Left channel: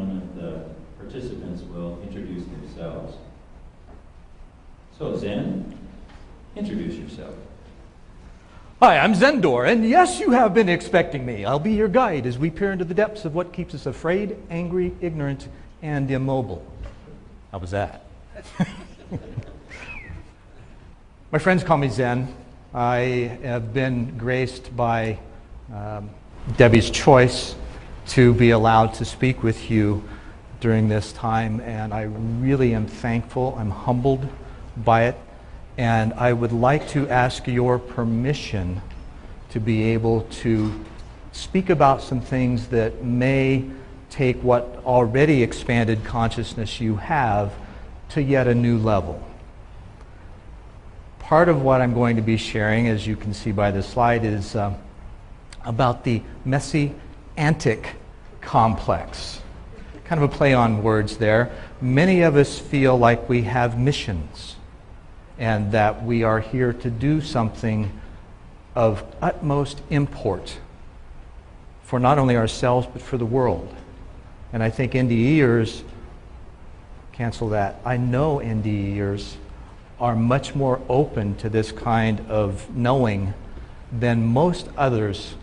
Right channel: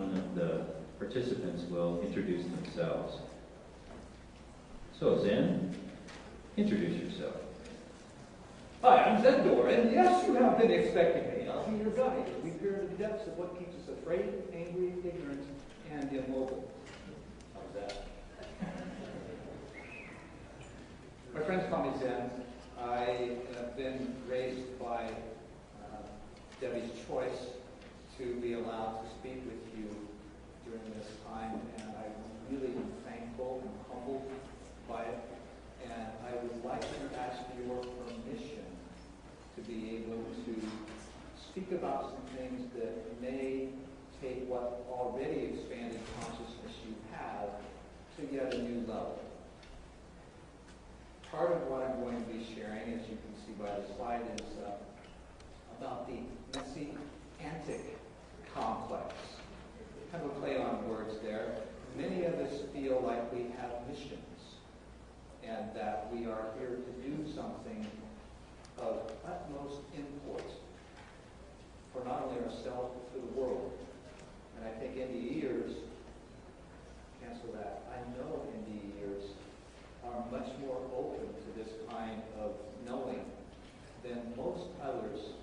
one of the participants will introduce themselves. So Zen, introduce yourself. Hi, I'm Zendor, and yes, you have been expecting me. I'll be your guide as we peer into the depths of what keeps us afraid, angry, ignorant, and immobile. How was that? My friends call me Zen. I have been graced by Debbie's choice to be allowed to speak with you during this time, and I really am thankful. I'm humbled by it, and I would like to ask your permission to be able to speak about some things that may take what already expanded consciousness you have to yet a new level. Part of what I'm going to be sharing, as you can see by this slide, is about the messianic complex. Kind of a play on words there. Many of us feel like we have missions and that we are here to do something of utmost import for not only ourselves but for the world. And I think NDEers, cancel that, I know NDEers are much more open to this kind of knowing than most others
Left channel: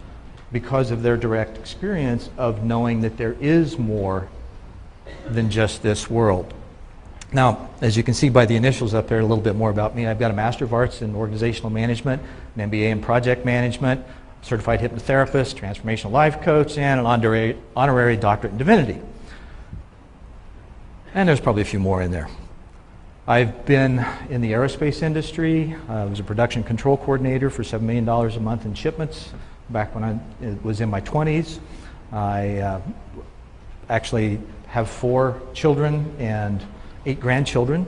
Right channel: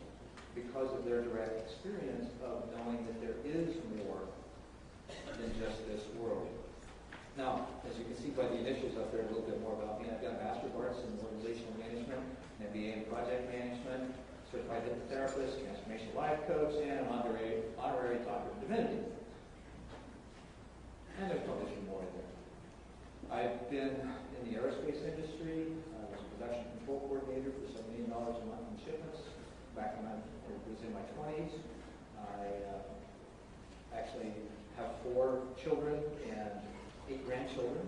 because of their direct experience of knowing that there is more than just this world. Now, as you can see by the initials up there, a little bit more about me. I've got a Master of Arts in Organizational Management, an MBA in Project Management, Certified Hypnotherapist, Transformational Life Coach, and an honorary Doctorate in Divinity. And there's probably a few more in there. I've been in the aerospace industry. I was a production control coordinator for $7 million a month in shipments back when I was in my 20s. I actually have 4 children and 8 grandchildren,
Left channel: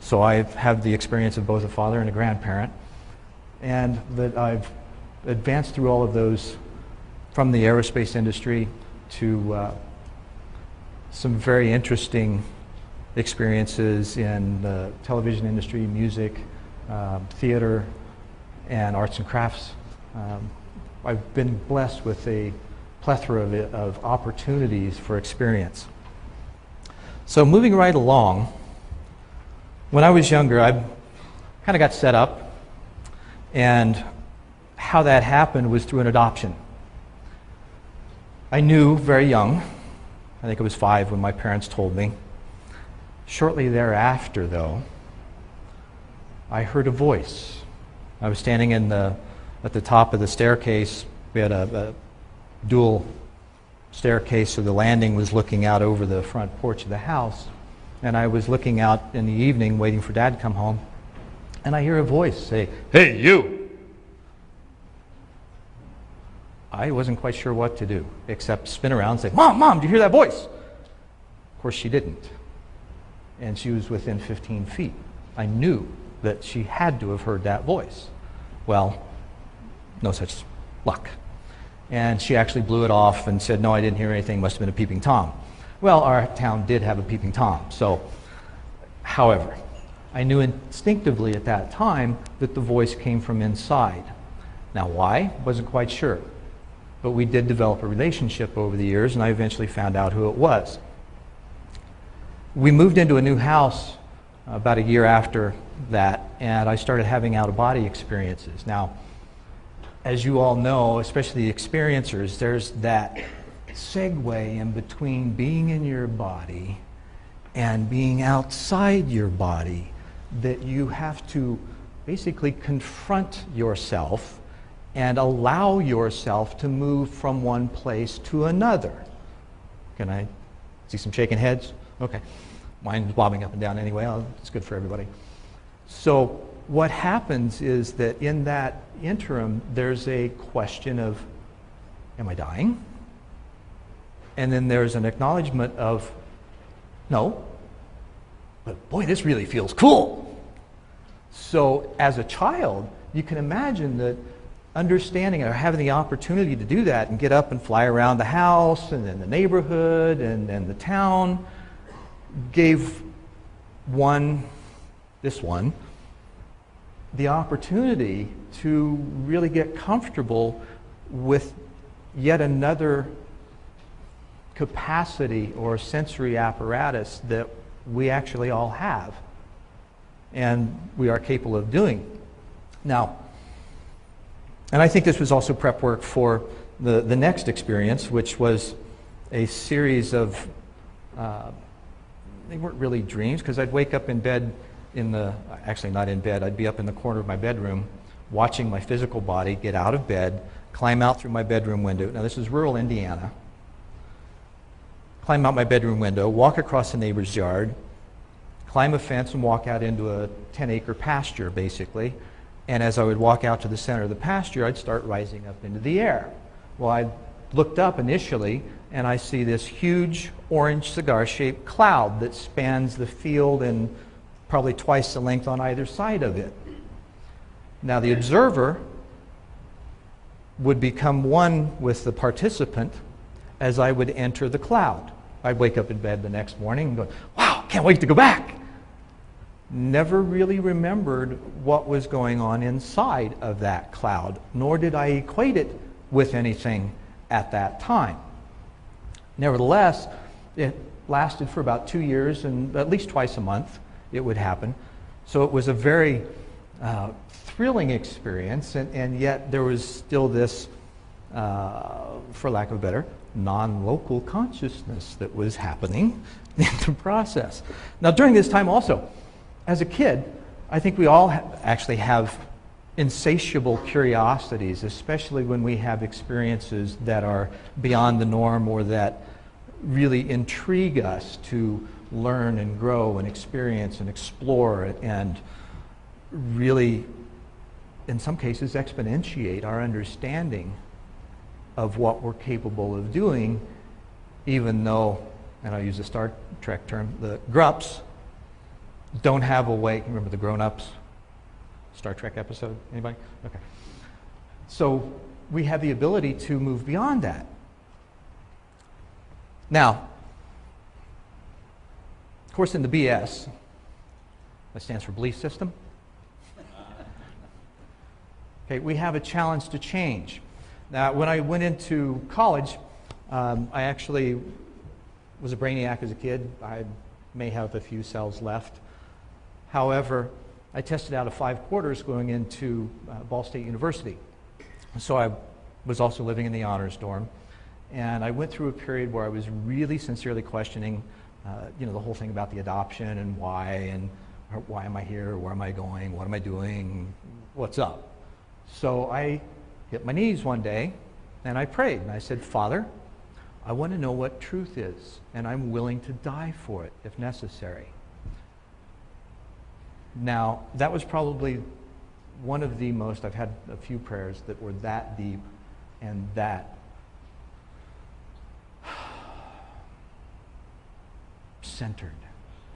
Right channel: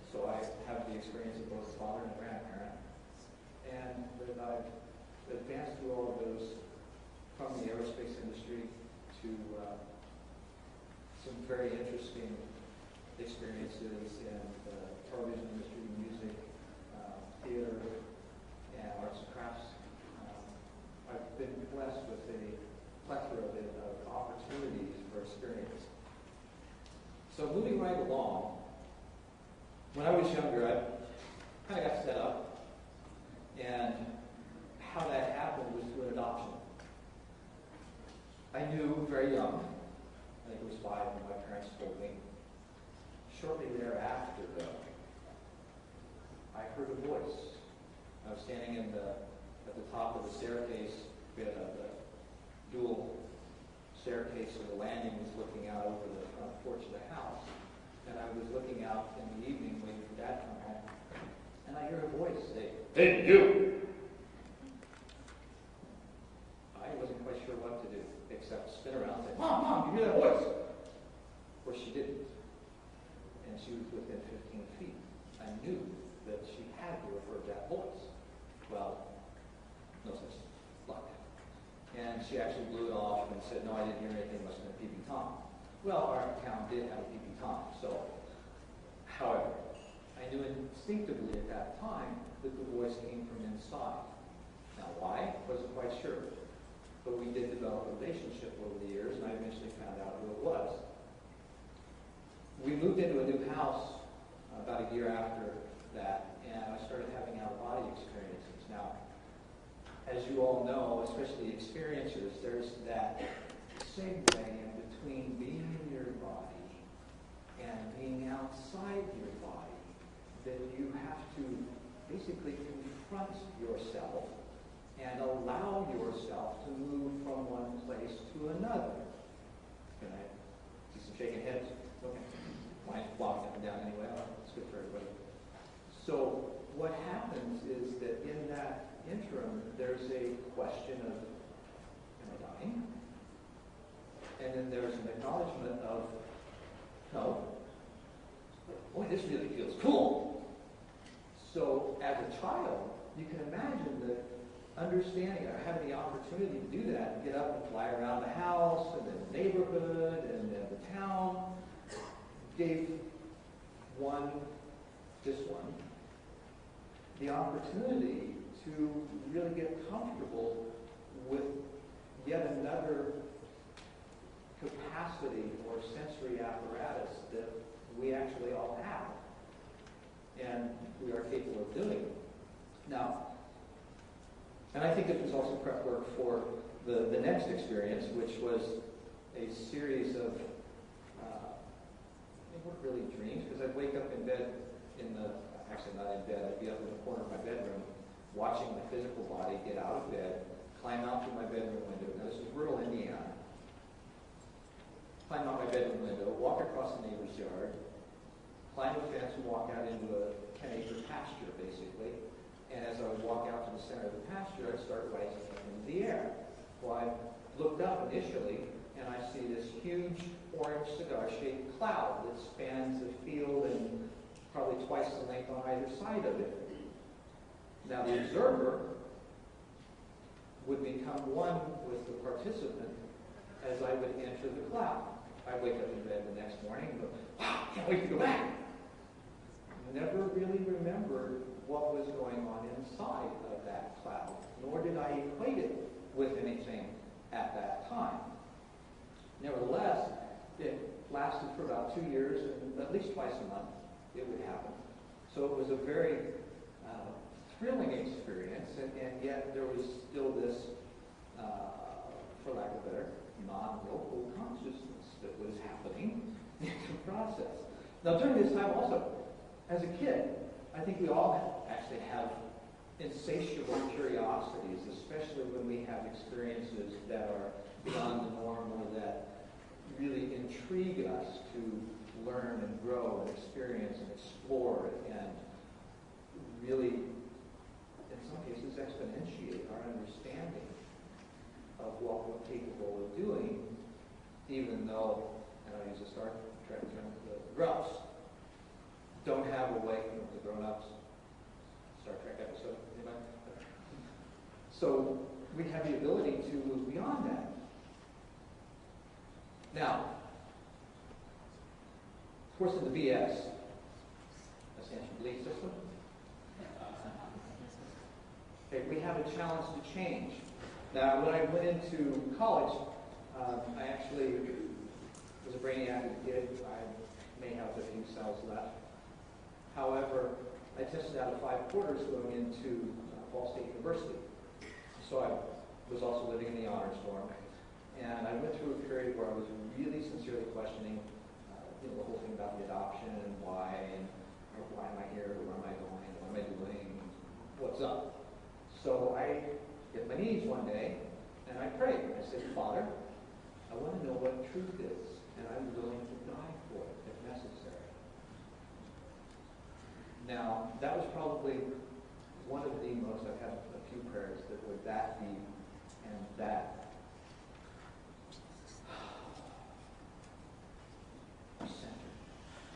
so I have the experience of both a father and a grandparent, and that I've advanced through all of those from the aerospace industry to some very interesting experiences in the television industry, music, theater, and arts and crafts. I've been blessed with a plethora of opportunities for experience. So moving right along, when I was younger, I kind of got set up, and how that happened was through an adoption. I knew very young, I think I was 5 when my parents told me. Shortly thereafter, though, I heard a voice. I was standing at the top of the staircase. We had a dual staircase, so the landing was looking out over the front porch of the house. And I was looking out in the evening, waiting for Dad to come home, and I hear a voice say, "Hey, you!" I wasn't quite sure what to do, except spin around and say, "Mom, Mom, do you hear that voice?" Of course, she didn't. And she was within 15 feet. I knew that she had to have heard that voice. Well, no such luck. And she actually blew it off and said, "No, I didn't hear anything, must have been a peeping Tom." Well, our town did have a peeping Tom, so, however, I knew instinctively at that time that the voice came from inside. Now why? Wasn't quite sure. But we did develop a relationship over the years, and I eventually found out who it was. We moved into a new house about a year after that, and I started having out-of-body experiences. Now, as you all know, especially the experiencers, there's that segue in between being in your body and being outside your body that you have to basically confront yourself and allow yourself to move from one place to another. Can I see some shaking heads? Okay. Mine's bobbing up and down anyway. It's good for everybody. So what happens is that in that interim, there's a question of, am I dying? And then there's an acknowledgement of, no, but boy, this really feels cool. So as a child, you can imagine that understanding or having the opportunity to do that and get up and fly around the house and then the neighborhood and the town gave this one, the opportunity to really get comfortable with yet another capacity or sensory apparatus that we actually all have and we are capable of doing. Now, and I think this was also prep work for the next experience, which was a series of, they weren't really dreams, because I'd wake up in bed actually not in bed, I'd be up in the corner of my bedroom watching my physical body get out of bed, climb out through my bedroom window. Now this is rural Indiana. Climb out my bedroom window, walk across the neighbor's yard, climb a fence and walk out into a 10-acre pasture, basically. And as I would walk out to the center of the pasture, I'd start rising up into the air. Well, I looked up initially, and I see this huge orange cigar-shaped cloud that spans the field and probably twice the length on either side of it. Now, the observer would become one with the participant as I would enter the cloud. I'd wake up in bed the next morning and go, wow, can't wait to go back. Never really remembered what was going on inside of that cloud, nor did I equate it with anything at that time. Nevertheless, it lasted for about 2 years, and at least twice a month it would happen. So it was a very thrilling experience, and yet there was still this, for lack of a better, non-local consciousness that was happening in the process. Now, during this time also, as a kid, I think we all actually have insatiable curiosities, especially when we have experiences that are beyond the norm or that really intrigue us to learn and grow and experience and explore and really, in some cases, exponentiate our understanding of what we're capable of doing, even though, and I'll use a Star Trek term, the grups don't have a way. Remember the grown-ups Star Trek episode? Anybody? Okay. So we have the ability to move beyond that. Now, of course, in the BS, that stands for belief system. Okay, we have a challenge to change. Now, when I went into college, I actually was a brainiac as a kid. I may have a few cells left. However, I tested out of 5 quarters going into Ball State University. So I was also living in the honors dorm. And I went through a period where I was really sincerely questioning, the whole thing about the adoption and why am I here, where am I going, what am I doing, what's up. So I hit my knees one day and I prayed and I said, Father, I want to know what truth is, and I'm willing to die for it if necessary. Now, that was probably one of the most, I've had a few prayers that were that deep and that centered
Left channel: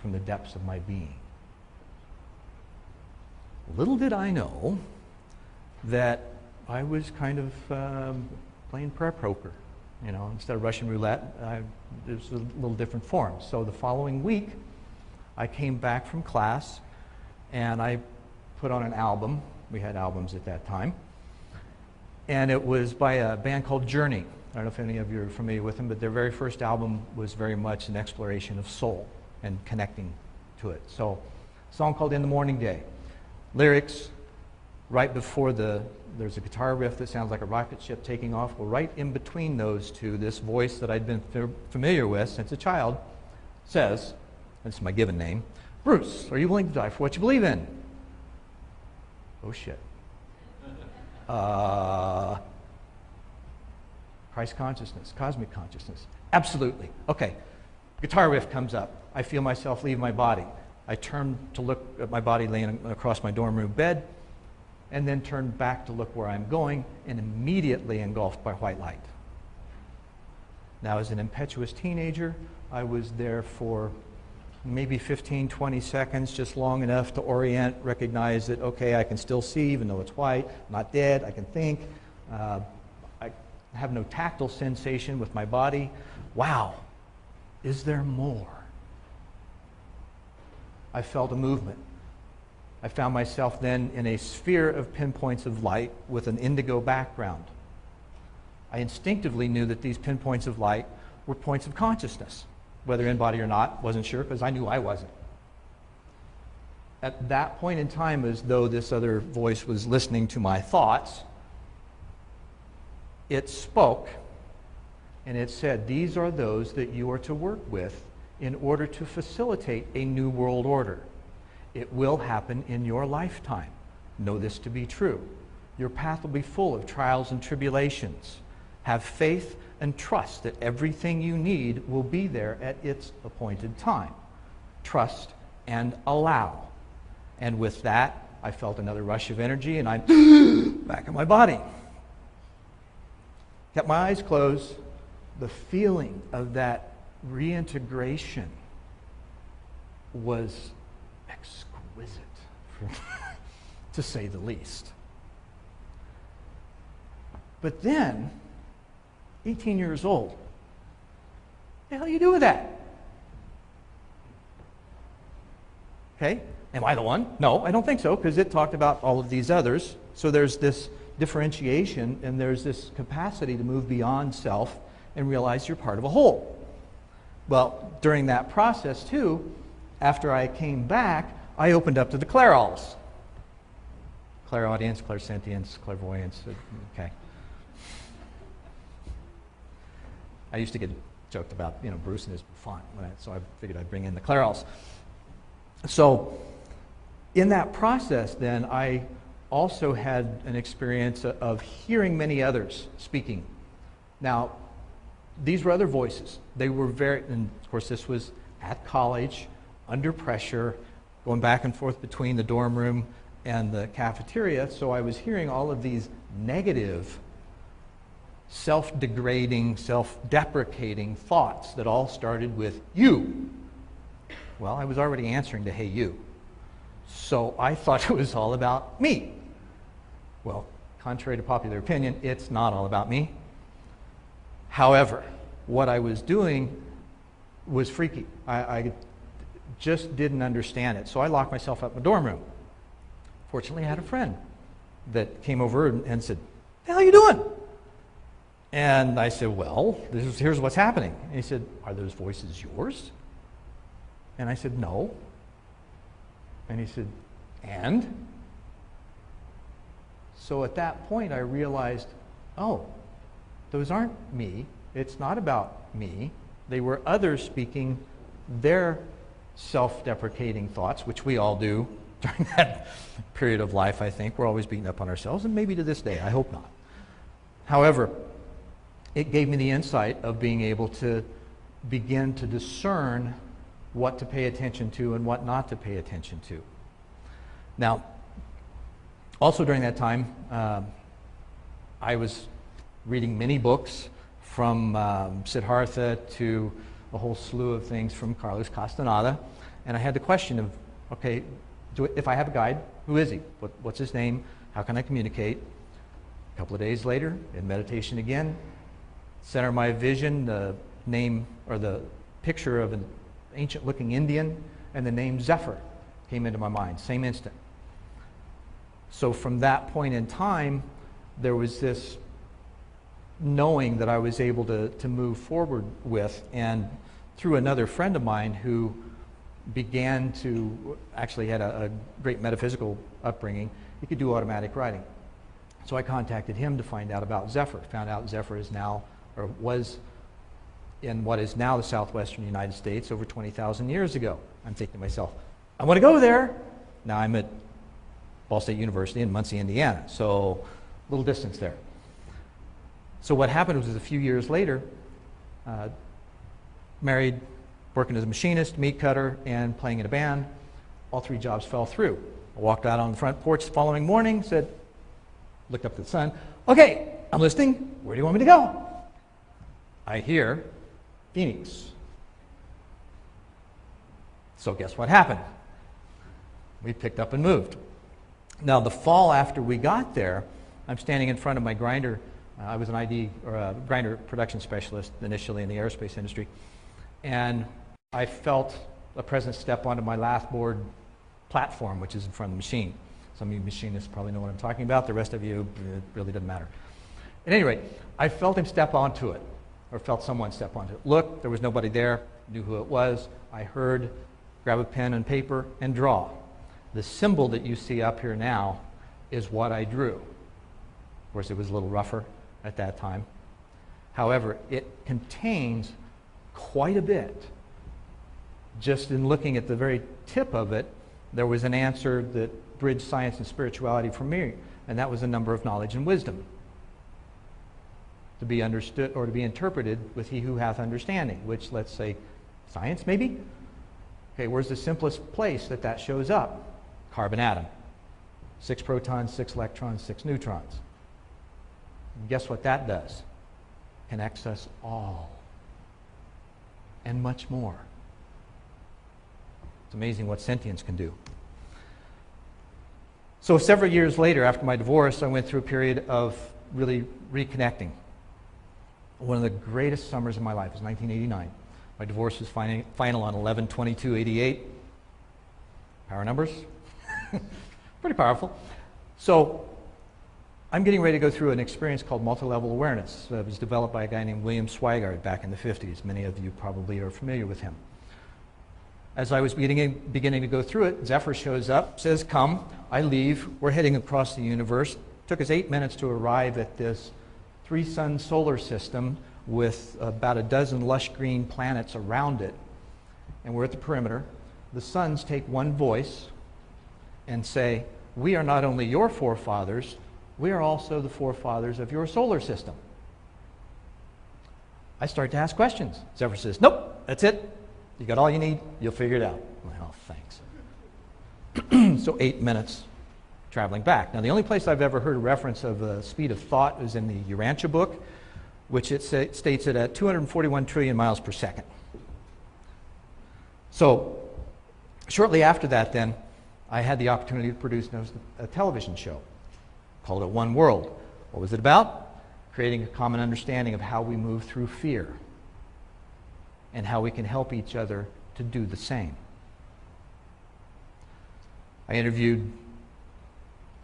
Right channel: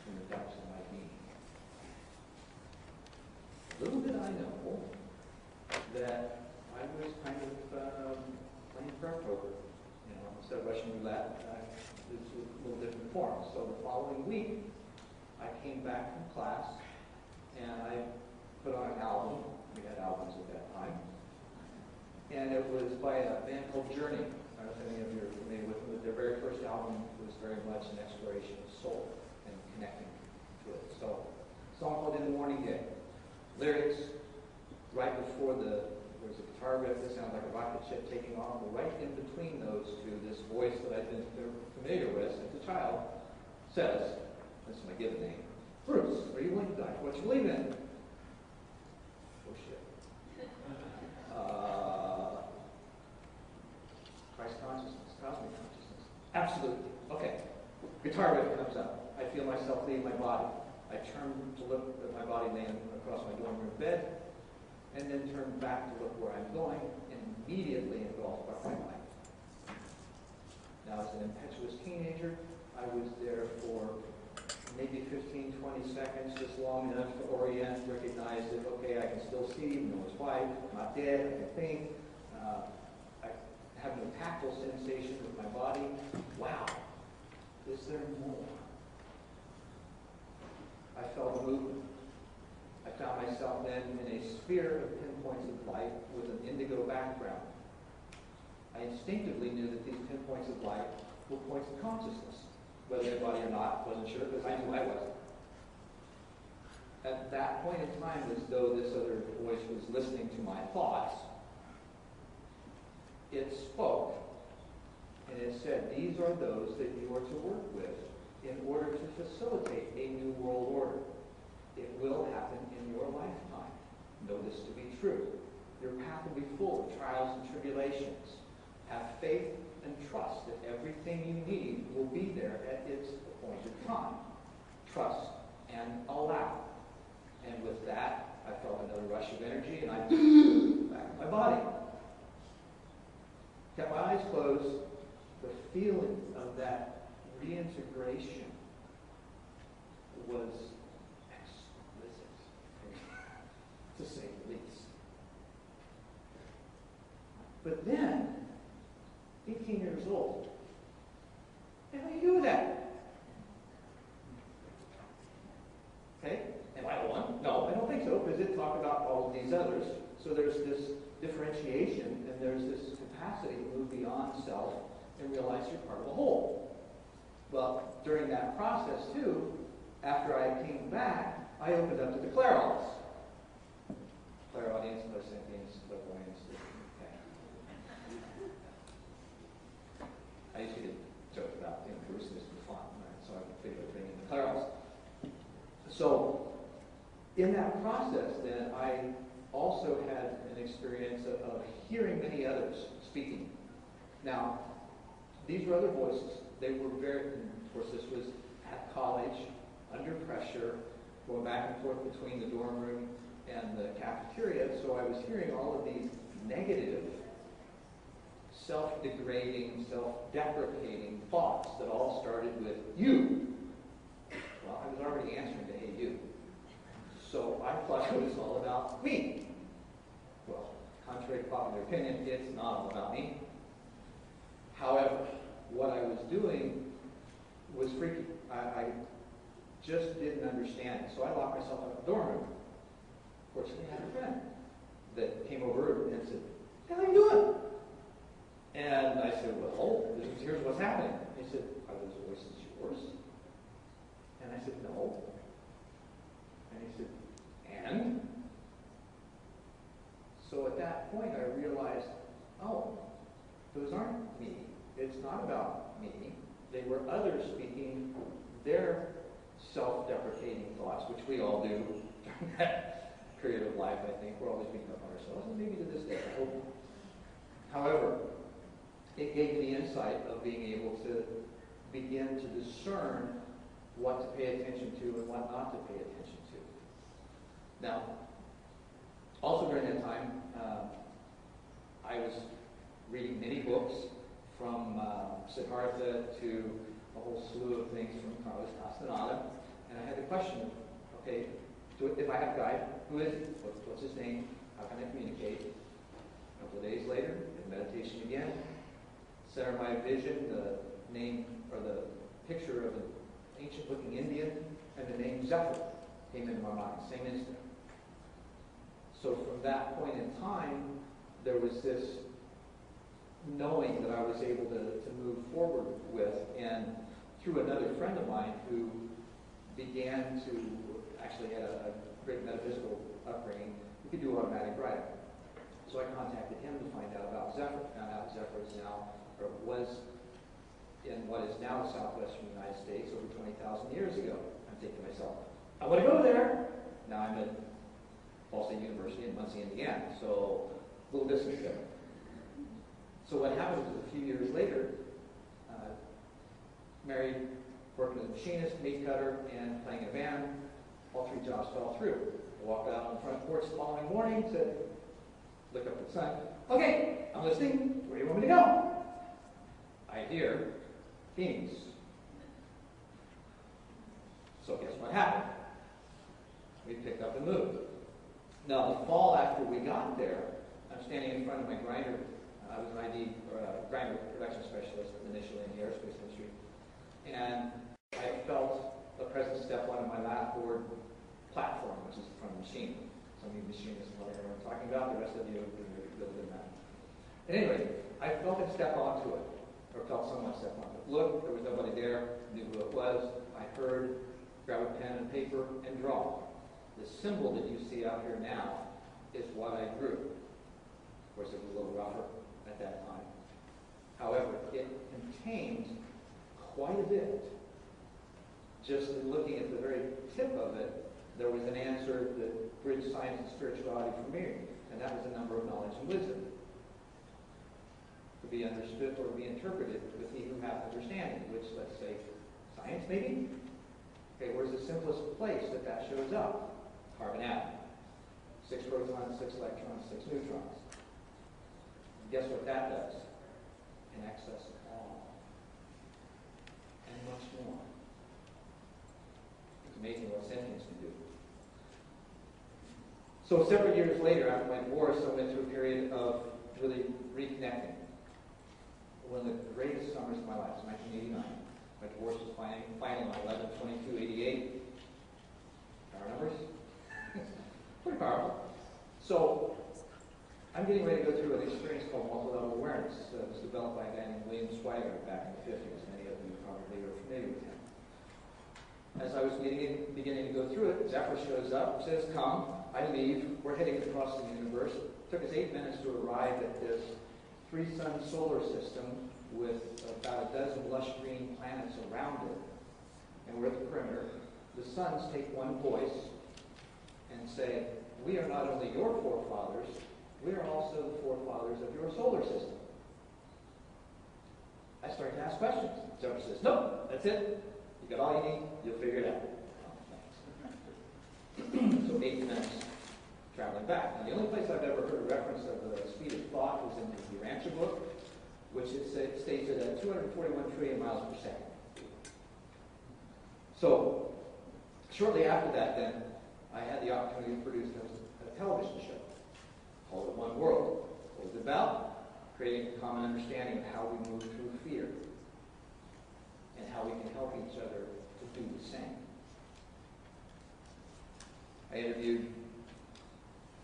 from the depths of my being. Little did I know that I was kind of playing prayer poker. Instead of Russian roulette, it was a little different form. So the following week, I came back from class and I put on an album. We had albums at that time. And it was by a band called Journey. I don't know if any of you are familiar with them, but their very first album was very much an exploration of soul and connecting to it. So, a song called In the Morning Day. Lyrics, right before there's a guitar riff that sounds like a rocket ship taking off. Well, right in between those two, this voice that I'd been familiar with since a child says, this is my given name, Bruce, are you willing to die for what you believe in? Oh shit. Christ consciousness, cosmic consciousness. Absolutely. Okay. Guitar riff comes up. I feel myself leave my body. I turn to look at my body laying across my dorm room bed, and then turn back to look where I'm going, and immediately engulfed by white light. Now, as an impetuous teenager, I was there for maybe 15, 20 seconds, just long enough to orient, recognize that, okay, I can still see, even though it's white, I'm not dead, I can think. I have no tactile sensation with my body. Wow, is there more? I felt a movement. I found myself then in a sphere of pinpoints of light with an indigo background. I instinctively knew that these pinpoints of light were points of consciousness. Whether in body or not, wasn't sure because I knew I wasn't. At that point in time, as though this other voice was listening to my thoughts, it spoke and it said, these are those that you are to work with in order to facilitate a new world order. It will happen in your lifetime. Know this to be true. Your path will be full of trials and tribulations. Have faith and trust that everything you need will be there at its appointed time. Trust and allow. And with that, I felt another rush of energy and I'm back in my body. Kept my eyes closed. The feeling of that reintegration was exquisite, to say the least. But then, 18 years old, what the hell do you do with that? Okay, am I the one? No, I don't think so, because it talked about all of these others. So there's this differentiation, and there's this capacity to move beyond self and realize you're part of a whole. Well, during that process, too, after I came back, I opened up to the clairaudience. Clairaudience, clairsentience, clairvoyance, okay. I used to get joked about, Bruce and his font, right? So I figured I'd bring in the clairaudience. So in that process, then, I also had an experience of hearing many others speaking. Now, these were other voices. They were and of course this was at college, under pressure, going back and forth between the dorm room and the cafeteria, so I was hearing all of these negative, self-degrading, self-deprecating thoughts that all started with you. Well, I was already answering to hey you. So I thought it was all about me. Well, contrary to popular opinion, it's not all about me. However, what I was doing was freaky. I just didn't understand it. So I locked myself up in my dorm room. Fortunately, I had a friend that came over and said, "What the hell are you doing?" And I said, "Well, here's what's happening." And he said, "Are those voices yours?" And I said, "No." And he said, "And?" So at that point, I realized, oh, those aren't me. It's not about me. They were others speaking their self-deprecating thoughts, which we all do during that period of life, I think. We're always beating up on ourselves, and maybe to this day. I hope not. However, it gave me the insight of being able to begin to discern what to pay attention to and what not to pay attention to. Now, also during that time, I was reading many books from Siddhartha to a whole slew of things from Carlos Castaneda, and I had the question of, okay, if I have a guide, who is he? What's his name? How can I communicate? A couple of days later, in meditation again, center of my vision, the name or the picture of an ancient-looking Indian, and the name Zephyr came into my mind, same instant. So from that point in time, there was this knowing that I was able to move forward with, and through another friend of mine who began to, actually had a great metaphysical upbringing, he could do automatic writing. So I contacted him to find out about Zephyr. Found out Zephyr is now, or was in what is now the southwestern United States over 20,000 years ago. I'm thinking to myself, I want to go there. Now I'm at Ball State University in Muncie, Indiana, so a little distance there. So what happened was a few years later, married, working as a machinist, meat cutter, and playing in a band. All three jobs fell through. I walked out on the front porch the following morning, looked up at the sun, okay, I'm listening, where do you want me to go? I hear Phoenix. So guess what happened? We picked up and moved. Now the fall after we got there, I'm standing in front of my grinder. I was an ID or a grinder production specialist initially in the aerospace industry, and I felt a presence step onto my lathboard platform, which is in front of the machine. Some of you machinists probably know what I'm talking about. The rest of you, it really doesn't matter. At any rate, I felt him step onto it. or felt someone step onto it. Look, there was nobody there, knew who it was. I heard, grab a pen and paper and draw. The symbol that you see up here now is what I drew. Of course, it was a little rougher at that time. However, it contains quite a bit. Just in looking at the very tip of it, there was an answer that bridged science and spirituality for me, and that was a number of knowledge and wisdom to be understood or to be interpreted with he who hath understanding, which, let's say, science maybe? Okay, where's the simplest place that that shows up? Carbon atom. 6 protons, 6 electrons, 6 neutrons. And guess what that does? Connects us all. And much more. It's amazing what sentience can do. So several years later, after my divorce, I went through a period of really reconnecting. One of the greatest summers of my life was 1989. My divorce was final on 11/22/88. Power numbers. Pretty powerful. So I'm getting ready to go through an experience called multi-level awareness. It was developed by a guy named William Swigart back in the 50s. Many of you probably are familiar with him. As I was beginning to go through it, Zephyr shows up, says, come. I leave. We're heading across the universe. It took us 8 minutes to arrive at this 3-sun solar system with about a dozen lush green planets around it. And we're at the perimeter. The suns take one voice and say, we are not only your forefathers, we are also the forefathers of your solar system. I start to ask questions. Zephyr says, nope, that's it. You got all you need, you'll figure it out. I'm like, oh, thanks. So 8 minutes traveling back. Now, the only place I've ever heard a reference of the speed of thought is in the Urantia book, which it states it at 241 trillion miles per second. So shortly after that, then, I had the opportunity to produce a television show. Called it One World. What was it about? Creating a common understanding of how we move through fear and how we can help each other to do the same. I interviewed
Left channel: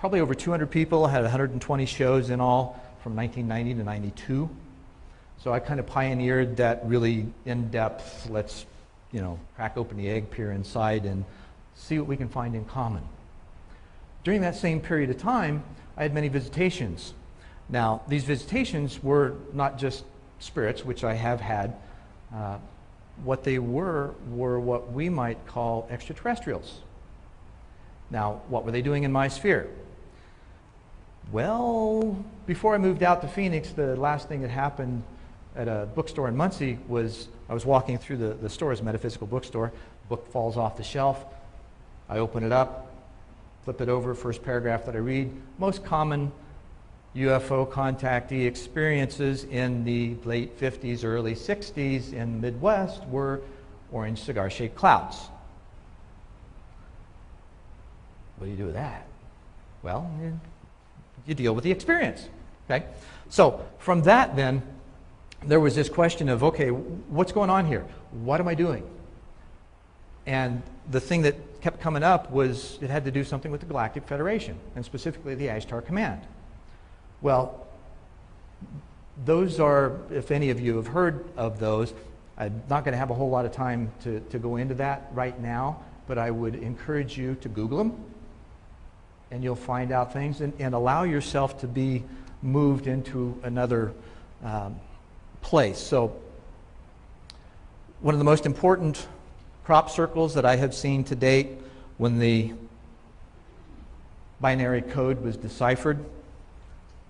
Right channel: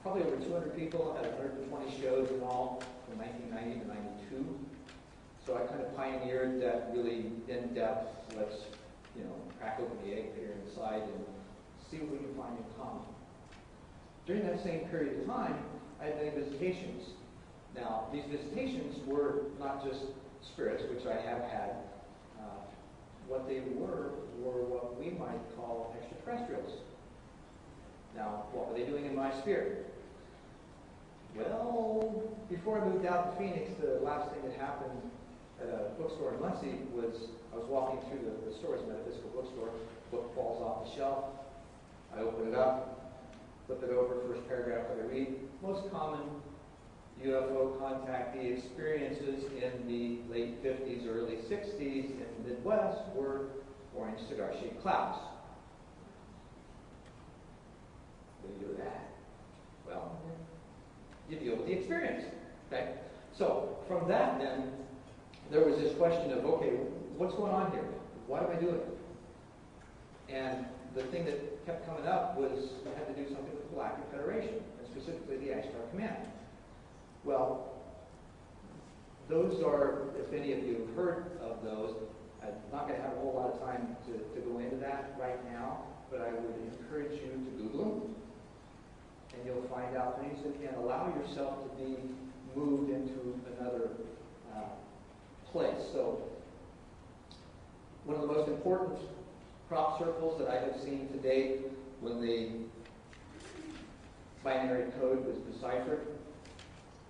probably over 200 people, had 120 shows in all from 1990 to 92. So I kind of pioneered that really in-depth, let's, crack open the egg, peer inside, and see what we can find in common. During that same period of time, I had many visitations. Now, these visitations were not just spirits, which I have had. What they were what we might call extraterrestrials. Now, what were they doing in my sphere? Well, before I moved out to Phoenix, the last thing that happened at a bookstore in Muncie was I was walking through the store, as a metaphysical bookstore. Book falls off the shelf. I open it up, flip it over, first paragraph that I read. Most common UFO contactee experiences in the late 50s, early 60s in the Midwest were orange cigar-shaped clouds. What do you do with that? Well, you deal with the experience, okay? So from that then, there was this question of, okay, what's going on here? What am I doing? And the thing that kept coming up was it had to do something with the Galactic Federation, and specifically the Ashtar Command. Well, those are, if any of you have heard of those, I'm not going to have a whole lot of time to go into that right now, but I would encourage you to Google them, and you'll find out things, and allow yourself to be moved into another place. So one of the most important crop circles that I have seen to date, when the binary code was deciphered,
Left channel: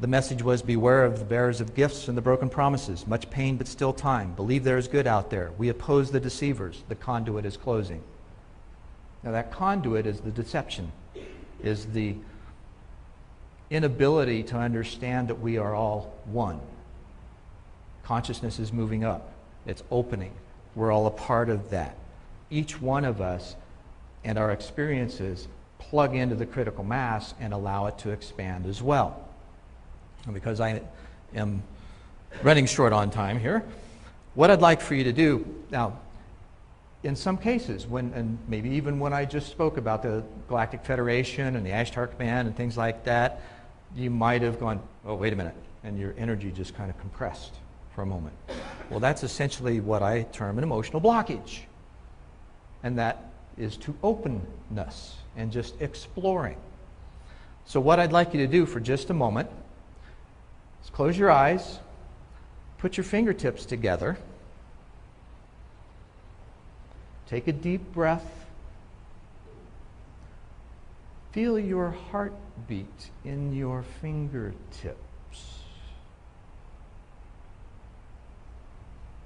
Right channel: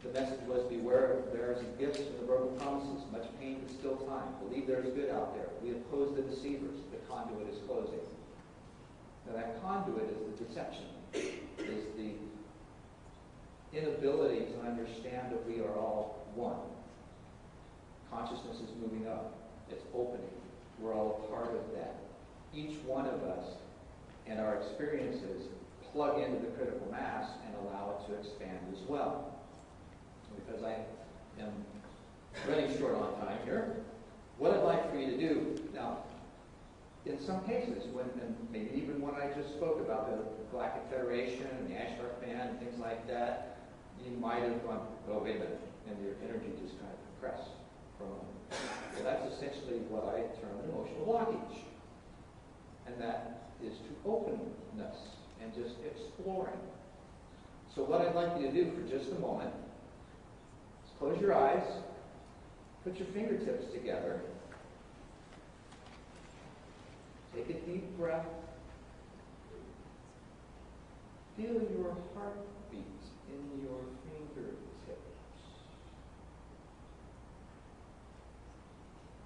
the message was, beware of the bearers of gifts and the broken promises. Much pain, but still time. Believe there is good out there. We oppose the deceivers. The conduit is closing. Now that conduit is the deception, is the inability to understand that we are all one. Consciousness is moving up. It's opening. We're all a part of that. Each one of us and our experiences plug into the critical mass and allow it to expand as well. And because I am running short on time here, what I'd like for you to do, now, in some cases, and maybe even when I just spoke about the Galactic Federation and the Ashtar Command and things like that, you might have gone, oh, wait a minute, and your energy just kind of compressed for a moment. Well, that's essentially what I term an emotional blockage. And that is to openness and just exploring. So what I'd like you to do for just a moment is close your eyes, put your fingertips together, take a deep breath, feel your heartbeat in your fingertips.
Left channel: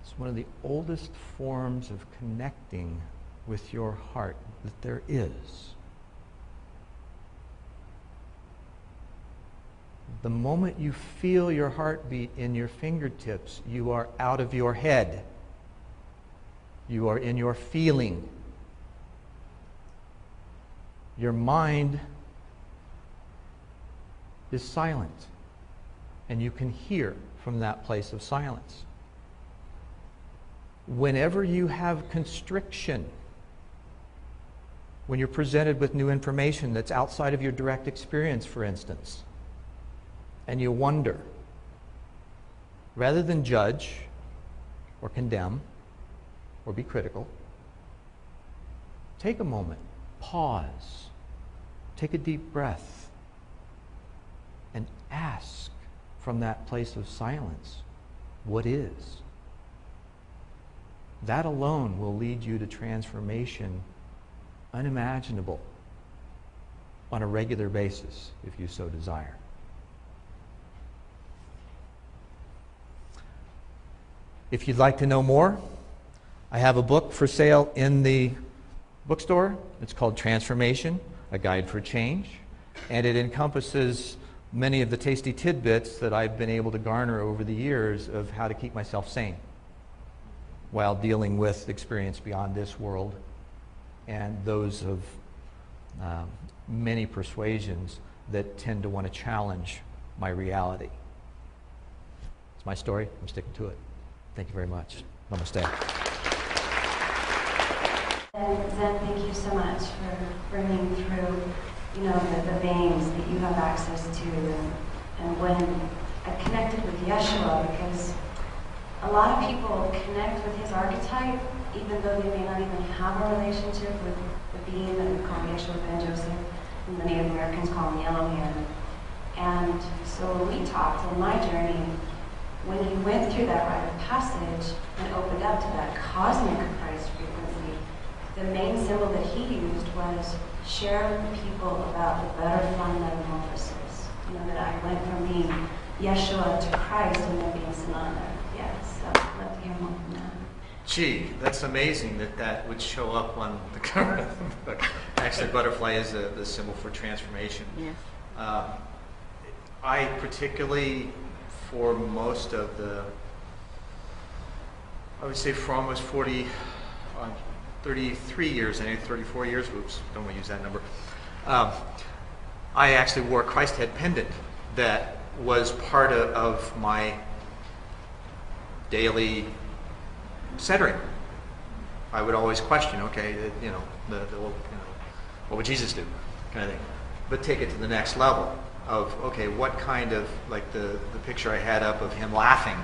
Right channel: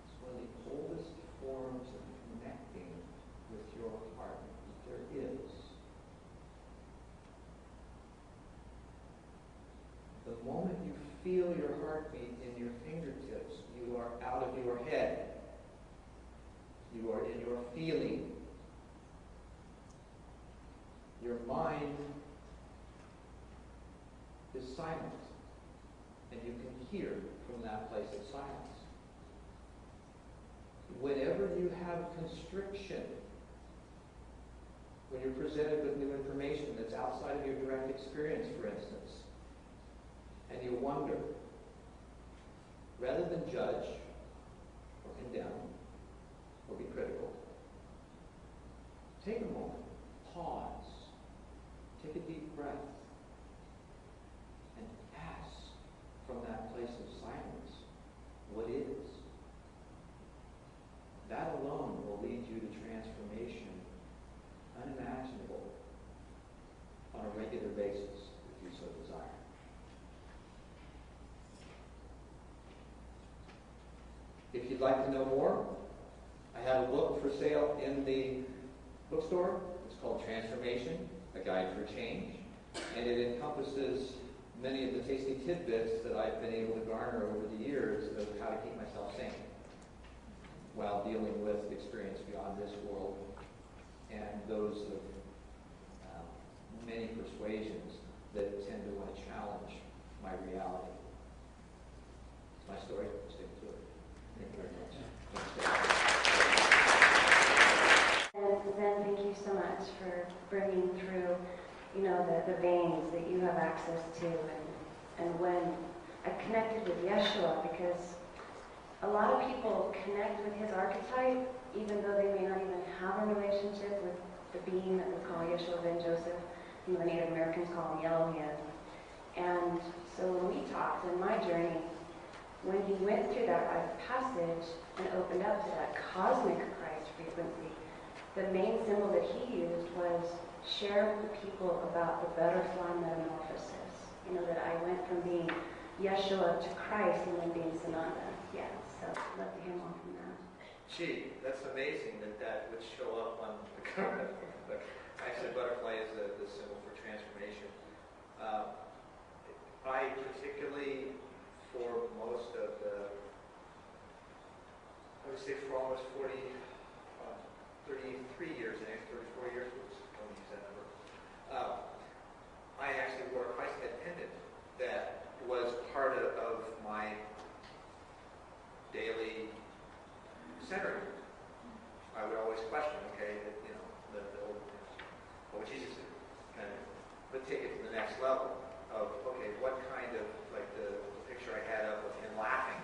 It's one of the oldest forms of connecting with your heart that there is. The moment you feel your heartbeat in your fingertips, you are out of your head. You are in your feeling. Your mind is silent, and you can hear from that place of silence. Whenever you have constriction, when you're presented with new information that's outside of your direct experience, for instance, and you wonder, rather than judge or condemn or be critical, take a moment, pause, take a deep breath, and ask from that place of silence, what is? That alone will lead you to transformation unimaginable on a regular basis, if you so desire. If you'd like to know more, I have a book for sale in the bookstore. It's called Transformation, A Guide for Change, and it encompasses many of the tasty tidbits that I've been able to garner over the years of how to keep myself sane while dealing with experience beyond this world and those of many persuasions that tend to want to challenge my reality. It's my story. I'm sticking to it. Thank you very much. Namaste. And Zen, thank you so much for bringing through, the veins that you have access to. And when I connected with Yeshua, because a lot of people connect with his archetype, even though they may not even have a relationship with the being that we call Yeshua Ben Joseph, and the Native Americans call him Yellow Hair. And so when we talked on my journey, when he went through that rite of passage and opened up to that cosmic Christ frequency, the main symbol that he used was share with people about the butterfly metamorphosis. That I went from being Yeshua to Christ and then being Sananda. Yeah, so I'd love to hear more from that. Gee, that's amazing that would show up on the cover of the book. Actually, butterfly is the symbol for transformation. Yes. I particularly, for most of I would say for almost 33 years, I think 34 years, oops, don't want to use that number. I actually wore a Christ head pendant that was part of my daily centering. I would always question, okay, what would Jesus do, kind of thing. But take it to the next level of, okay, what kind of, like the picture I had up of him laughing,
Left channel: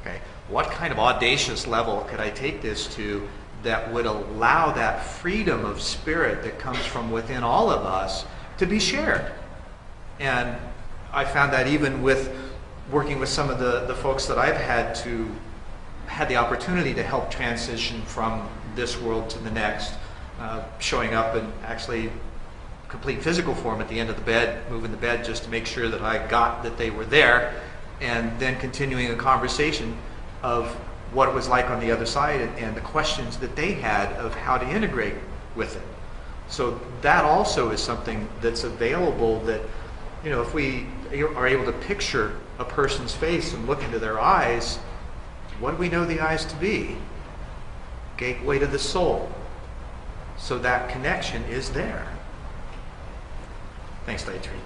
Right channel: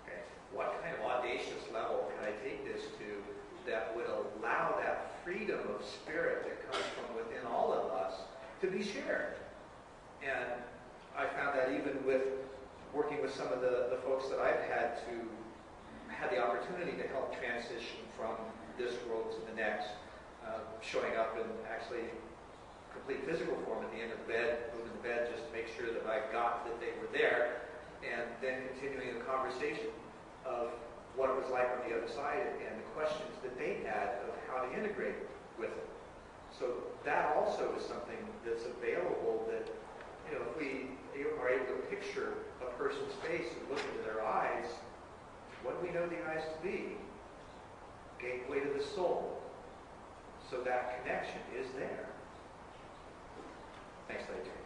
okay, what kind of audacious level could I take this to that would allow that freedom of spirit that comes from within all of us to be shared? And I found that even with working with some of the folks that I've had the opportunity to help transition from this world to the next, showing up in actually complete physical form at the end of the bed, moving the bed just to make sure that I got that they were there, and then continuing a conversation of what it was like on the other side and the questions that they had of how to integrate with it. So that also is something that's available that, if we are able to picture a person's face and look into their eyes, what do we know the eyes to be? Gateway to the soul. So that connection is there. Thanks, Dietary.